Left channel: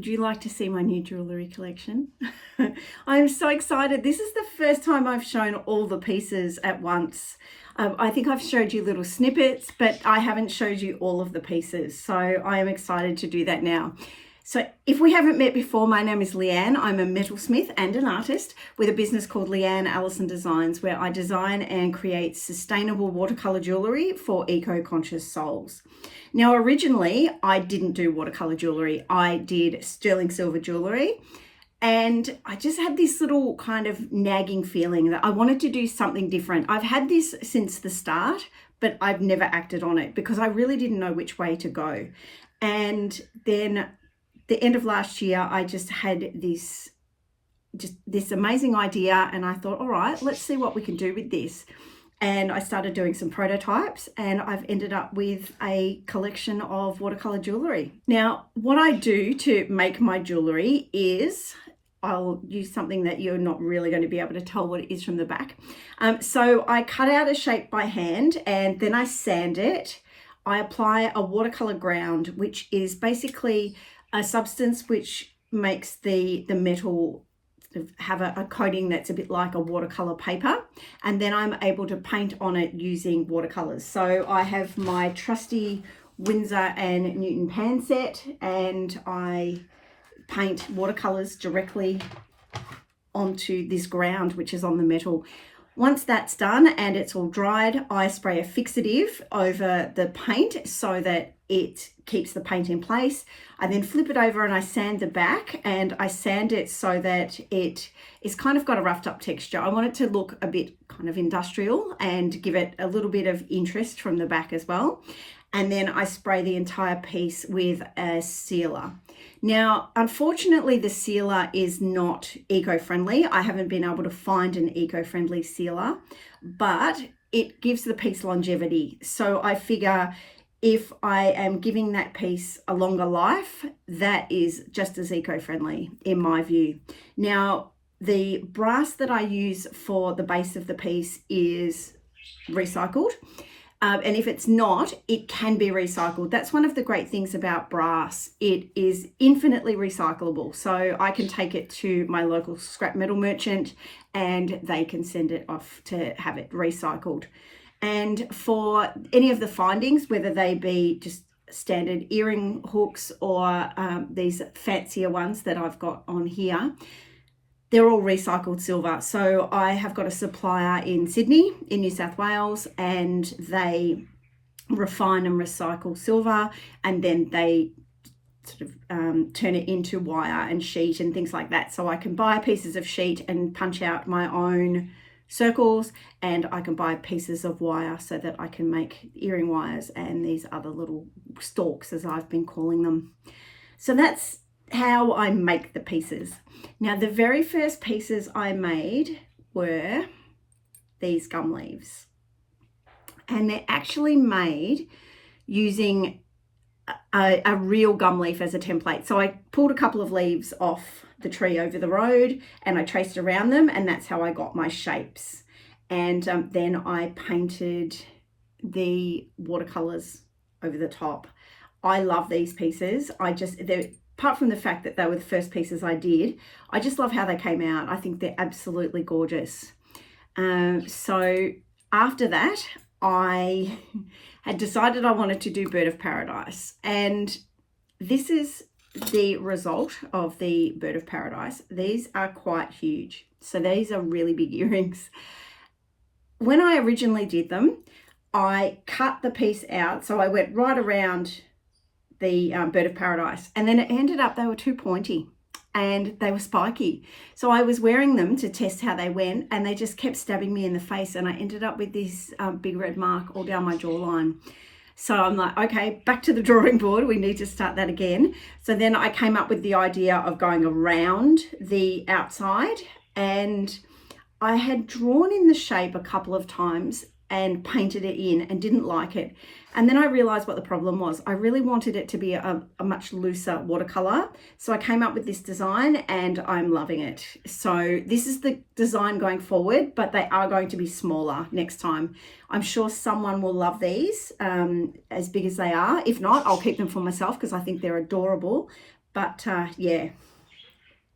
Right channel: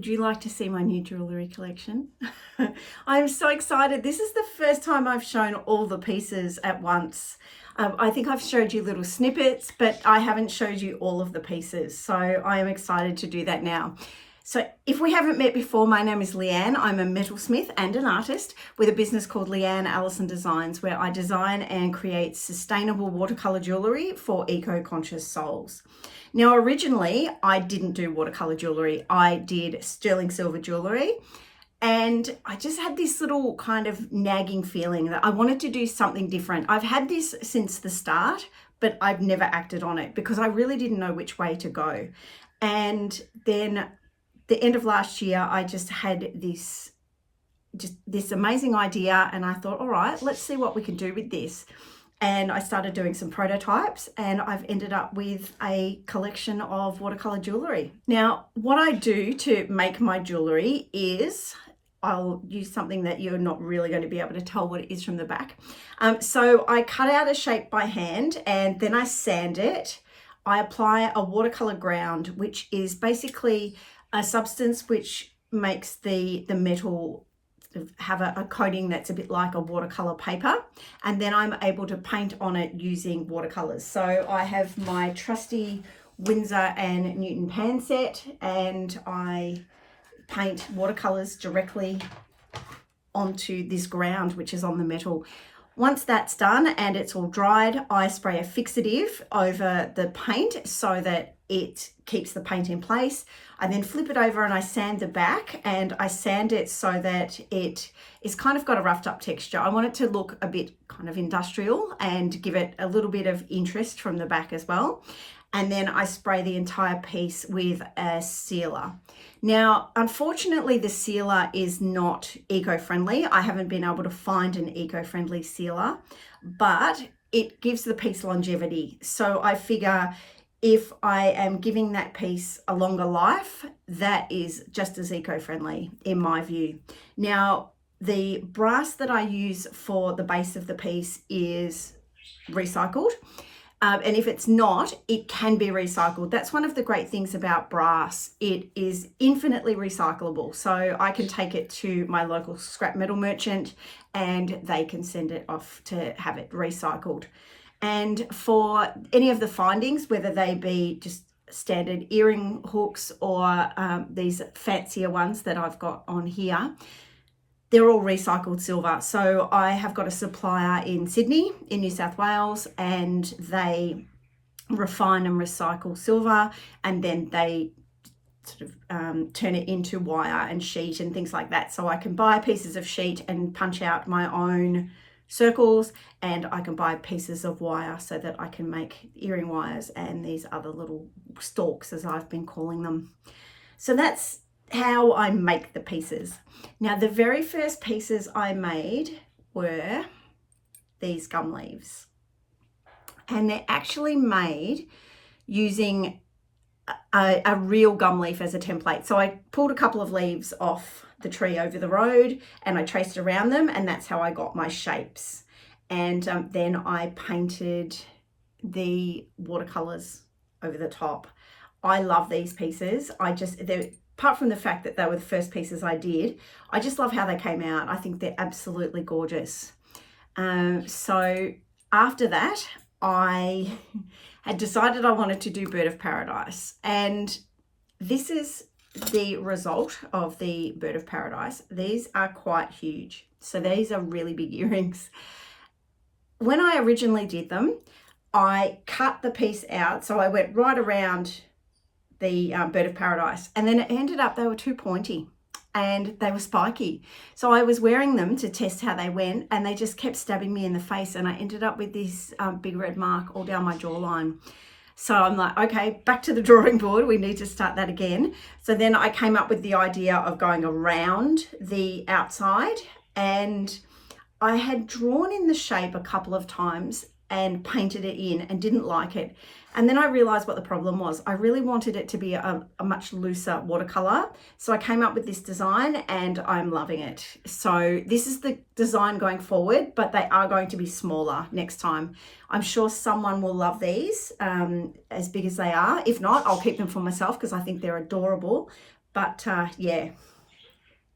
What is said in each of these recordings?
would you like to see my new jewellery collection? I'm so excited. This is the first time I've shown all the pieces at once. I think I've showed you little snippets, but I haven't showed you all of the pieces. So I am excited to do that now. So if we haven't met before, my name is Leanne. I'm a metalsmith and an artist with a business called Leanne Allison Designs, where I design and create sustainable watercolour jewellery for eco-conscious souls. Now, originally, I didn't do watercolour jewellery. I did sterling silver jewellery. And I just had this little kind of nagging feeling that I wanted to do something different. I've had this since the start, but I've never acted on it because I really didn't know which way to go. And then the end of last year, I just had this amazing idea, and I thought, all right, let's see what we can do with this. And I started doing some prototypes, and I've ended up with a collection of watercolor jewellery. Now, what I do to make my jewellery is I'll use something that you're not really going to be able to tell what it is from the back. So I cut out a shape by hand, and then I sand it. I apply a watercolor ground, which is basically a substance which makes the metal have a coating that's a bit like a watercolor paper, and then I'm able to paint on it using watercolors. So I have my trusty Winsor and Newton pan set, and I paint watercolors directly onto this ground which is on the metal. Once that's done and it's all dried, I spray a fixative over the paint so that it keeps the paint in place. I then flip it over and I sand the back, and I sand it so that it is kind of got a roughed up texture. I want it to look a bit kind of industrial and give it a little bit of interest from the back as well. And then I spray the entire piece with a sealer. Now, unfortunately, the sealer is not eco-friendly. I haven't been able to find an eco-friendly sealer, but it gives the piece longevity. So I figure if I am giving that piece a longer life, that is just as eco-friendly in my view. Now, the brass that I use for the base of the piece is recycled. And if it's not, it can be recycled. That's one of the great things about brass. It is infinitely recyclable. So I can take it to my local scrap metal merchant and they can send it off to have it recycled. And for any of the findings, whether they be just standard earring hooks or these fancier ones that I've got on here, they're all recycled silver. So I have got a supplier in Sydney, in New South Wales, and they refine and recycle silver, and then they sort of turn it into wire and sheet and things like that. So I can buy pieces of sheet and punch out my own circles, and I can buy pieces of wire so that I can make earring wires and these other little stalks, as I've been calling them. So that's how I make the pieces. Now, the very first pieces I made were these gum leaves, and they're actually made using a real gum leaf as a template. So I pulled a couple of leaves off the tree over the road and I traced around them, and that's how I got my shapes. And then I painted the watercolors over the top. I love these pieces. Apart from the fact that they were the first pieces I did, I just love how they came out. I think they're absolutely gorgeous. So after that, I had decided I wanted to do Bird of Paradise. And this is the result of the Bird of Paradise. These are quite huge. So these are really big earrings. When I originally did them, I cut the piece out. So I went right around the Bird of Paradise, and then it ended up they were too pointy and they were spiky. So I was wearing them to test how they went, and they just kept stabbing me in the face, and I ended up with this big red mark all down my jawline. So I'm like, okay, back to the drawing board. We need to start that again. So then I came up with the idea of going around the outside, and I had drawn in the shape a couple of times and painted it in and didn't like it. And then I realized what the problem was. I really wanted it to be a much looser watercolor. So I came up with this design and I'm loving it. So this is the design going forward, but they are going to be smaller next time. I'm sure someone will love these as big as they are. If not, I'll keep them for myself because I think they're adorable. But yeah,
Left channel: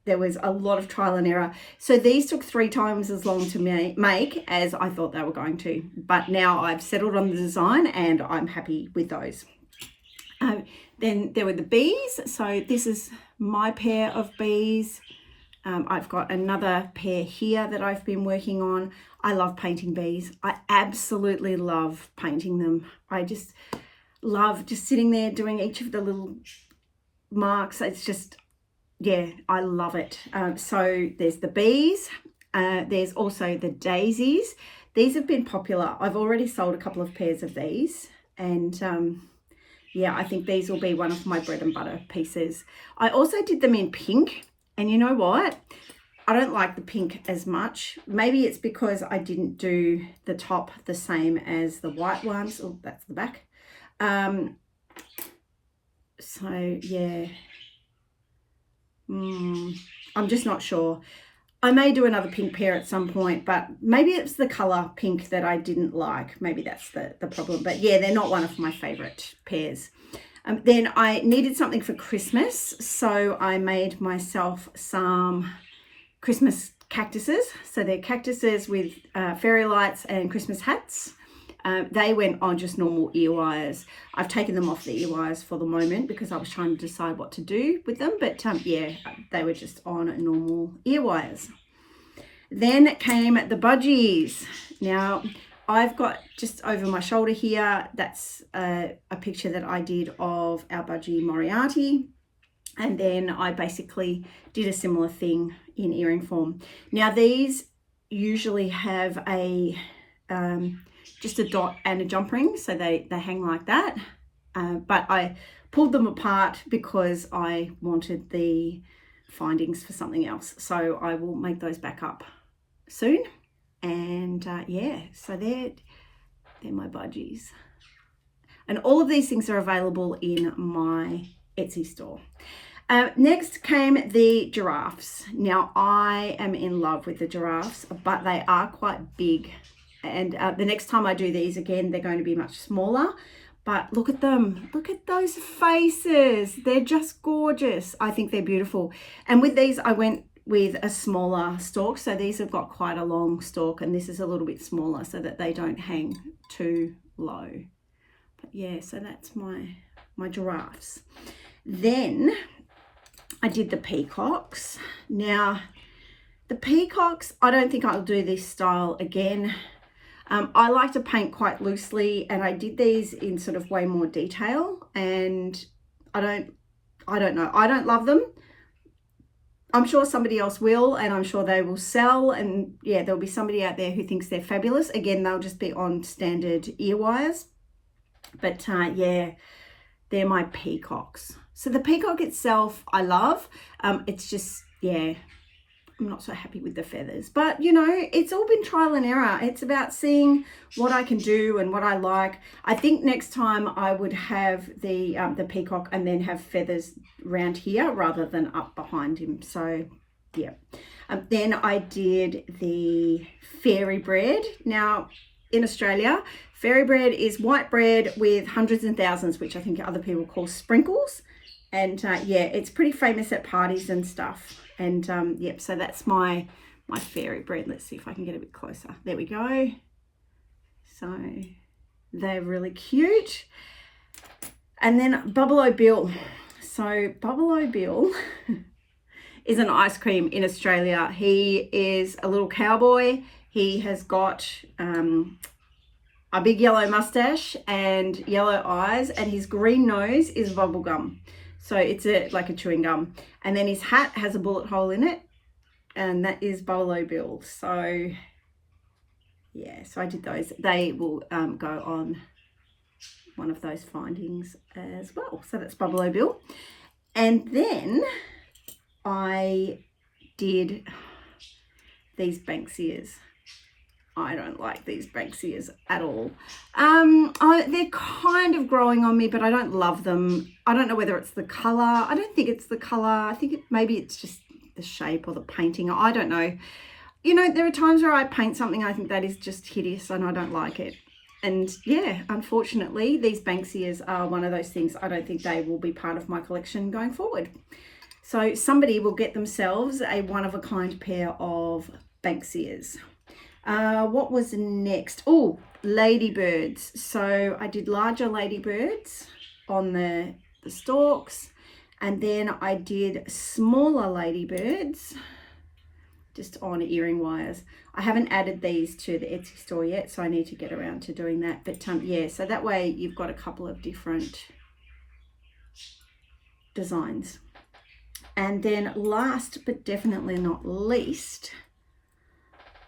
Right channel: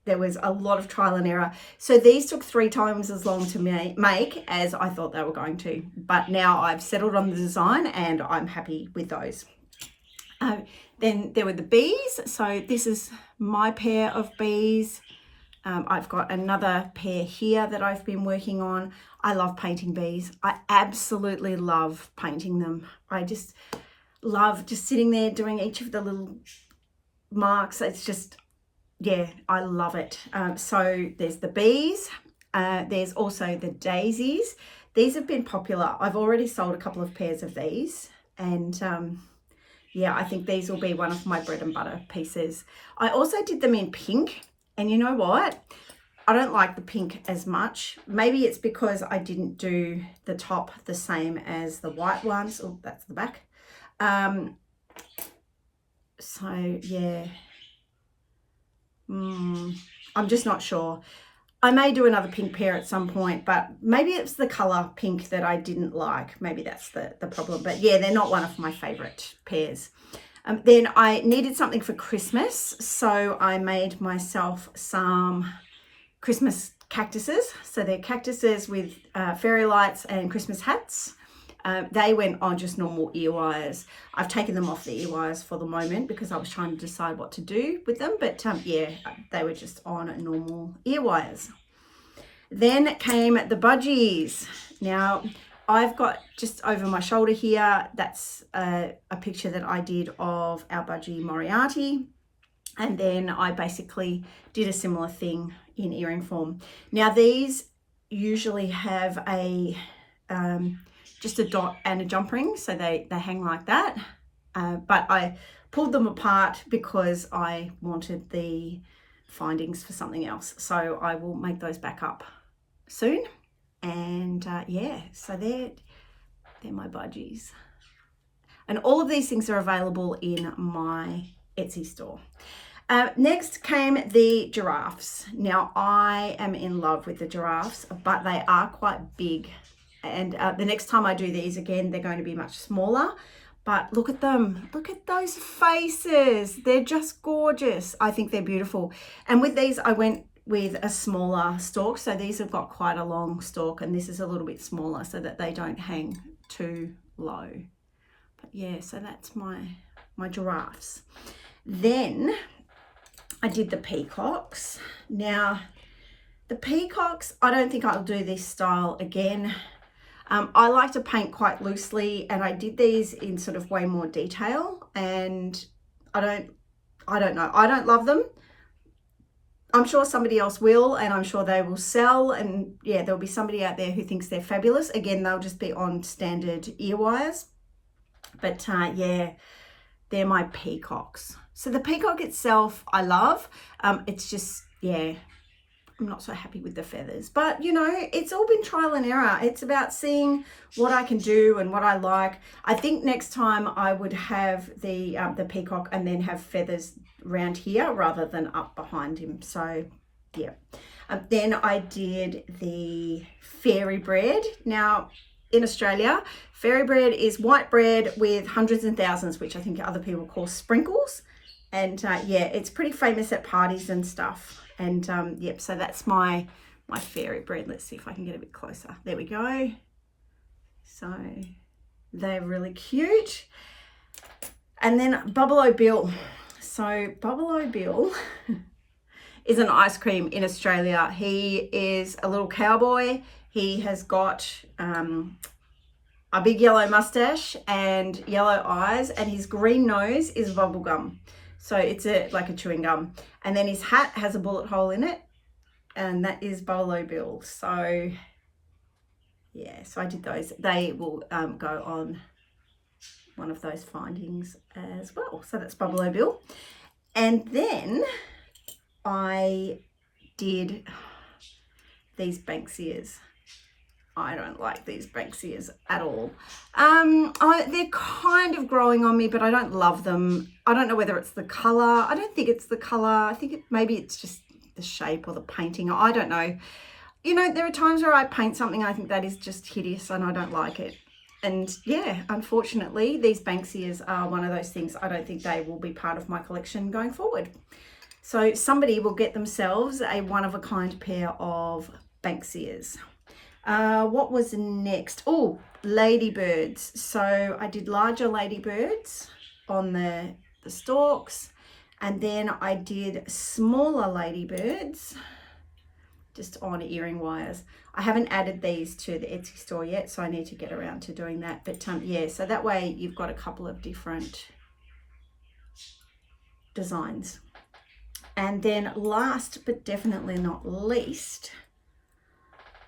there was a lot of trial and error. So these took 3 times as long to make as I thought they were going to. But now I've settled on the design and I'm happy with those. Then there were the bees. So this is my pair of bees. I've got another pair here that I've been working on. I love painting bees. I absolutely love painting them. I just love just sitting there doing each of the little marks. It's just, yeah, I love it. So there's the bees. There's also the daisies. These have been popular. I've already sold a couple of pairs of these, and yeah, I think these will be one of my bread and butter pieces. I also did them in pink, and you know what? I don't like the pink as much. Maybe it's because I didn't do the top the same as the white ones. Oh, that's the back. So yeah, I'm just not sure. I may do another pink pair at some point, but maybe it's the color pink that I didn't like. Maybe that's the problem. But yeah, they're not one of my favorite pairs. Then I needed something for Christmas, so I made myself some Christmas cactuses. So they're cactuses with fairy lights and Christmas hats. They went on just normal ear wires. I've taken them off the ear wires for the moment because I was trying to decide what to do with them. But yeah, they were just on normal ear wires. Then came the budgies. Now, I've got just over my shoulder here, that's a picture that I did of our budgie Moriarty. And then I basically did a similar thing in earring form. Now, these usually have a just a dot and a jump ring, so they hang like that. But I pulled them apart because I wanted the findings for something else. So I will make those back up soon. And yeah, so they're my budgies. And all of these things are available in my Etsy store. Next came the giraffes. Now, I am in love with the giraffes, but they are quite big. And the next time I do these again, they're going to be much smaller. But look at them. Look at those faces. They're just gorgeous. I think they're beautiful. And with these, I went with a smaller stalk. So these have got quite a long stalk, and this is a little bit smaller so that they don't hang too low. But yeah, so that's my giraffes. Then I did the peacocks. Now, the peacocks, I don't think I'll do this style again. I like to paint quite loosely, and I did these in sort of way more detail, and I don't know. I don't love them. I'm sure somebody else will, and I'm sure they will sell, and yeah, there'll be somebody out there who thinks they're fabulous. Again, they'll just be on standard ear wires. But yeah, they're my peacocks. So the peacock itself, I love. It's just, yeah, I'm not so happy with the feathers. But, you know, it's all been trial and error. It's about seeing what I can do and what I like. I think next time I would have the peacock and then have feathers around here rather than up behind him. So, yeah. Then I did the fairy bread. Now, in Australia, fairy bread is white bread with hundreds and thousands, which I think other people call sprinkles. And yeah, it's pretty famous at parties and stuff. And yep, so that's my fairy bread. Let's see if I can get a bit closer. There we go. So they're really cute. And then Bubble-O Bill. So Bubble-O Bill is an ice cream in Australia. He is a little cowboy. He has got a big yellow mustache and yellow eyes, and his green nose is bubble gum. So it's like a chewing gum. And then his hat has a bullet hole in it, and that is Bubble-O Bill. So yeah, so I did those. They will go on one of those findings as well. So that's Bubble-O Bill. And then I did these Banksias. I don't like these Banksias at all. They're kind of growing on me, but I don't love them. I don't know whether it's the colour. I don't think it's the colour. I think maybe it's just the shape or the painting. I don't know. You know, there are times where I paint something, I think that is just hideous and I don't like it. And yeah, unfortunately, these Banksias are one of those things. I don't think they will be part of my collection going forward. So somebody will get themselves a one-of-a-kind pair of Banksias. What was next? Oh, ladybirds. So I did larger ladybirds on the stalks, and then I did smaller ladybirds just on earring wires. I haven't added these to the Etsy store yet, so I need to get around to doing that. But yeah, so that way you've got a couple of different designs. And then last but definitely not least,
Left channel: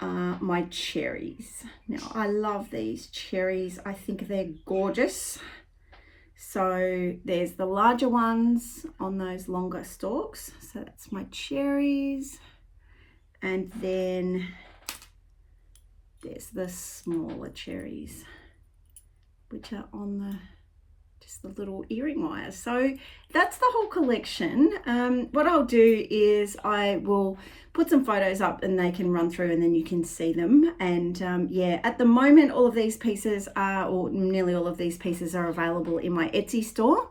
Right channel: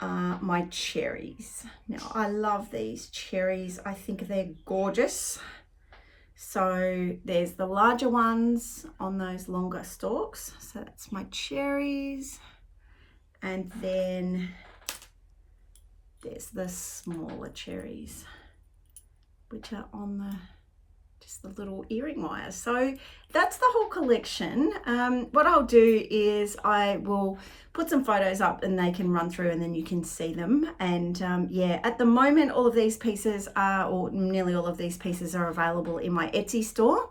my cherries. Now I love these cherries. I think they're gorgeous. So there's the larger ones on those longer stalks. So that's my cherries. And then there's the smaller cherries, which are on the just the little earring wires. So that's the whole collection. What I'll do is I will put some photos up and they can run through and then you can see them. And yeah, at the moment all of these pieces are, or nearly all of these pieces are available in my Etsy store.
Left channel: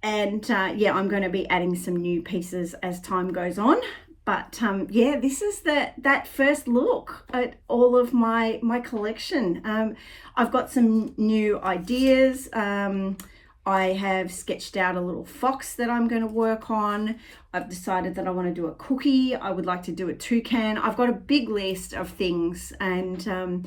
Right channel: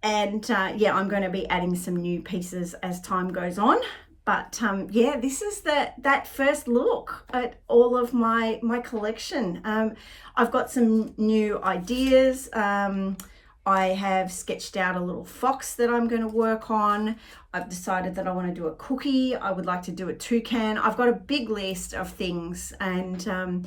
And yeah, I'm going to be adding some new pieces as time goes on. But yeah, this is that first look at all of my collection. I've got some new ideas. I have sketched out a little fox that I'm going to work on. I've decided that I want to do a cookie. I would like to do a toucan. I've got a big list of things, and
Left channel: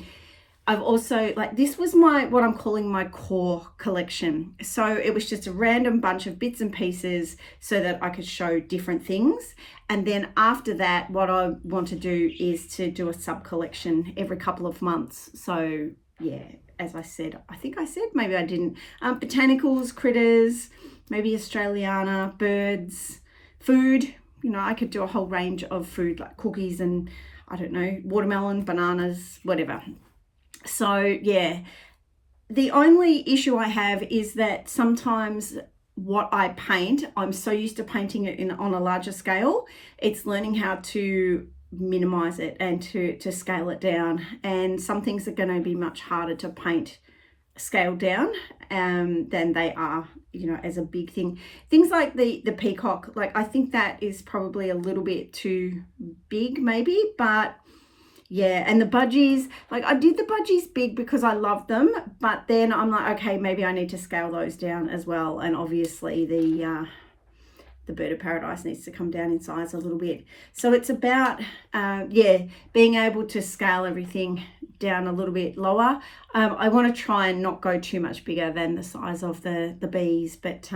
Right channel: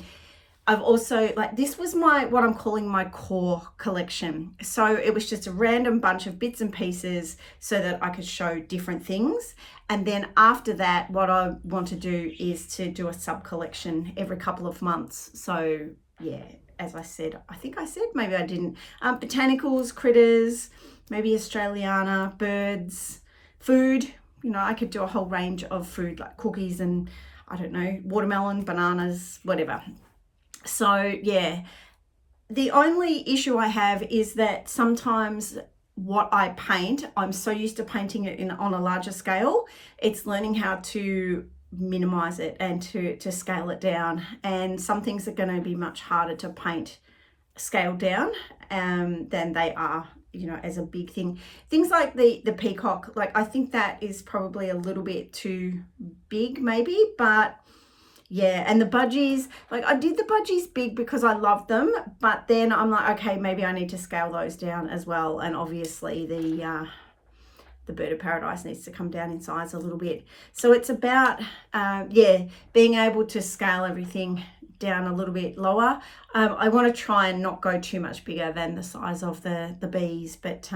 I've also, like, this was what I'm calling my core collection. So it was just a random bunch of bits and pieces so that I could show different things. And then after that, what I want to do is to do a sub collection every couple of months. So yeah, as I said, I think I said, maybe I didn't, botanicals, critters, maybe Australiana, birds, food. You know, I could do a whole range of food like cookies and, I don't know, watermelon, bananas, whatever. So yeah, the only issue I have is that sometimes what I paint, I'm so used to painting it on a larger scale, it's learning how to minimize it and to scale it down. And some things are going to be much harder to paint scaled down than they are, you know, as a big thing. Things like the peacock, like I think that is probably a little bit too big maybe, but yeah. And the budgies, like I did the budgies big because I love them, but then I'm like, okay, maybe I need to scale those down as well. And obviously the bird of paradise needs to come down in size a little bit. So it's about, yeah, being able to scale everything down a little bit lower. I want to try and not go too much bigger than the size of the bees, but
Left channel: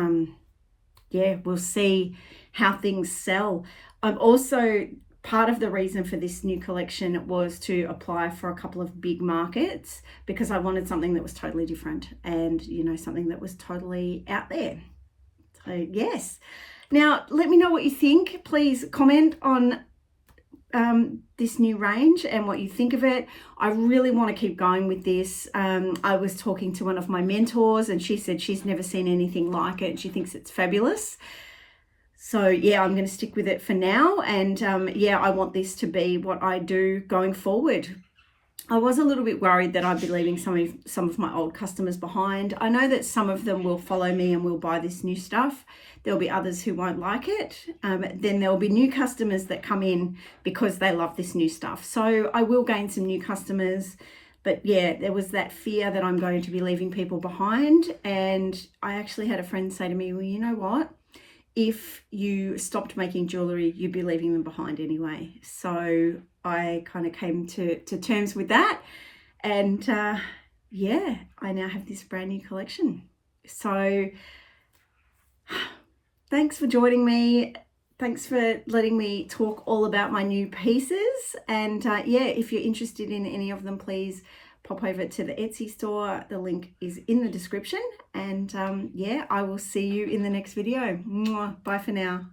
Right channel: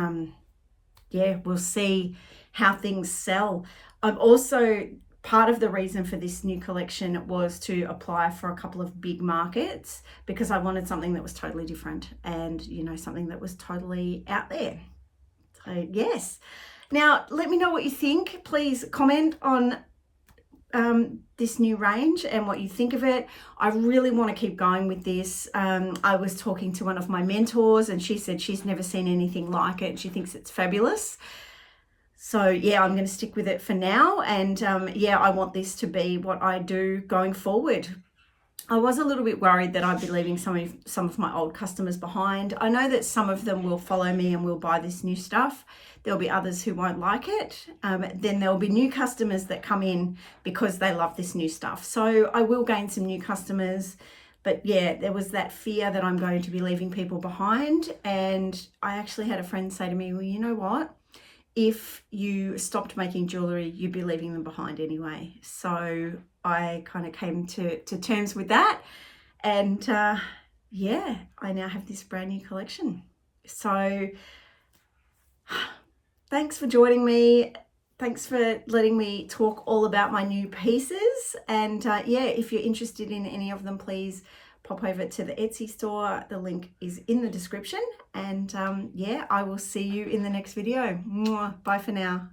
yeah, we'll see how things sell. I'm also, part of the reason for this new collection was to apply for a couple of big markets because I wanted something that was totally different and, you know, something that was totally out there. So yes. Now, let me know what you think. Please comment on this new range and what you think of it. I really want to keep going with this. I was talking to one of my mentors and she said she's never seen anything like it. She thinks it's fabulous. So yeah, I'm going to stick with it for now. And yeah, I want this to be what I do going forward. I was a little bit worried that I'd be leaving some of my old customers behind. I know that some of them will follow me and will buy this new stuff. There'll be others who won't like it. Then there'll be new customers that come in because they love this new stuff. So I will gain some new customers. But yeah, there was that fear that I'm going to be leaving people behind. And I actually had a friend say to me, well, you know what? If you stopped making jewellery, you'd be leaving them behind anyway. So I kind of came to terms with that. And yeah, I now have this brand new collection. So thanks for joining me. Thanks for letting me talk all about my new pieces. And yeah, if you're interested in any of them, please pop over to the Etsy store. The link is in the description. And yeah, I will see you in the next video. Mwah. Bye for now.